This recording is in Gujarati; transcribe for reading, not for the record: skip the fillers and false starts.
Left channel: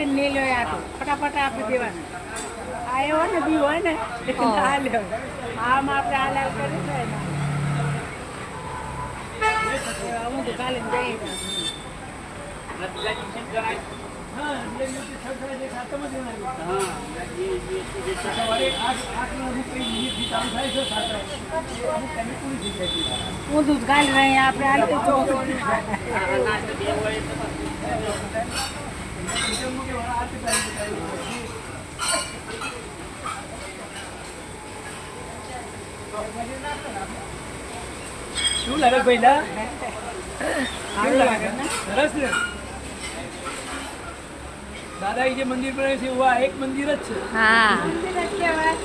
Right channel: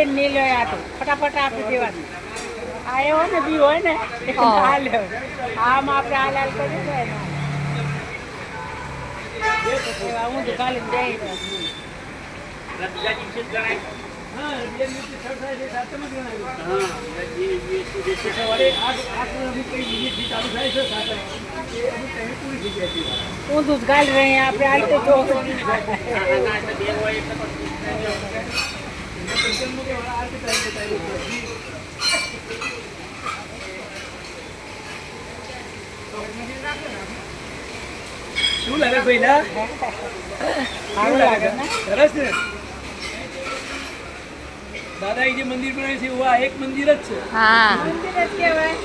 ફટાફટ આપી દેવાની આ એવો ને બી હોય ને હાલ આમ આપણે હાલ હાલ કરી છે હું તો કાલે જઈ હું દૂધ કાઢી રહી આપણે હાલ તો શું લાગે ભાઈ સરસ ને દાદા જે મંદિર બનાવ્યું છે એવું આ એક મંદિર જ છે. મંદિર જ કહેવાય.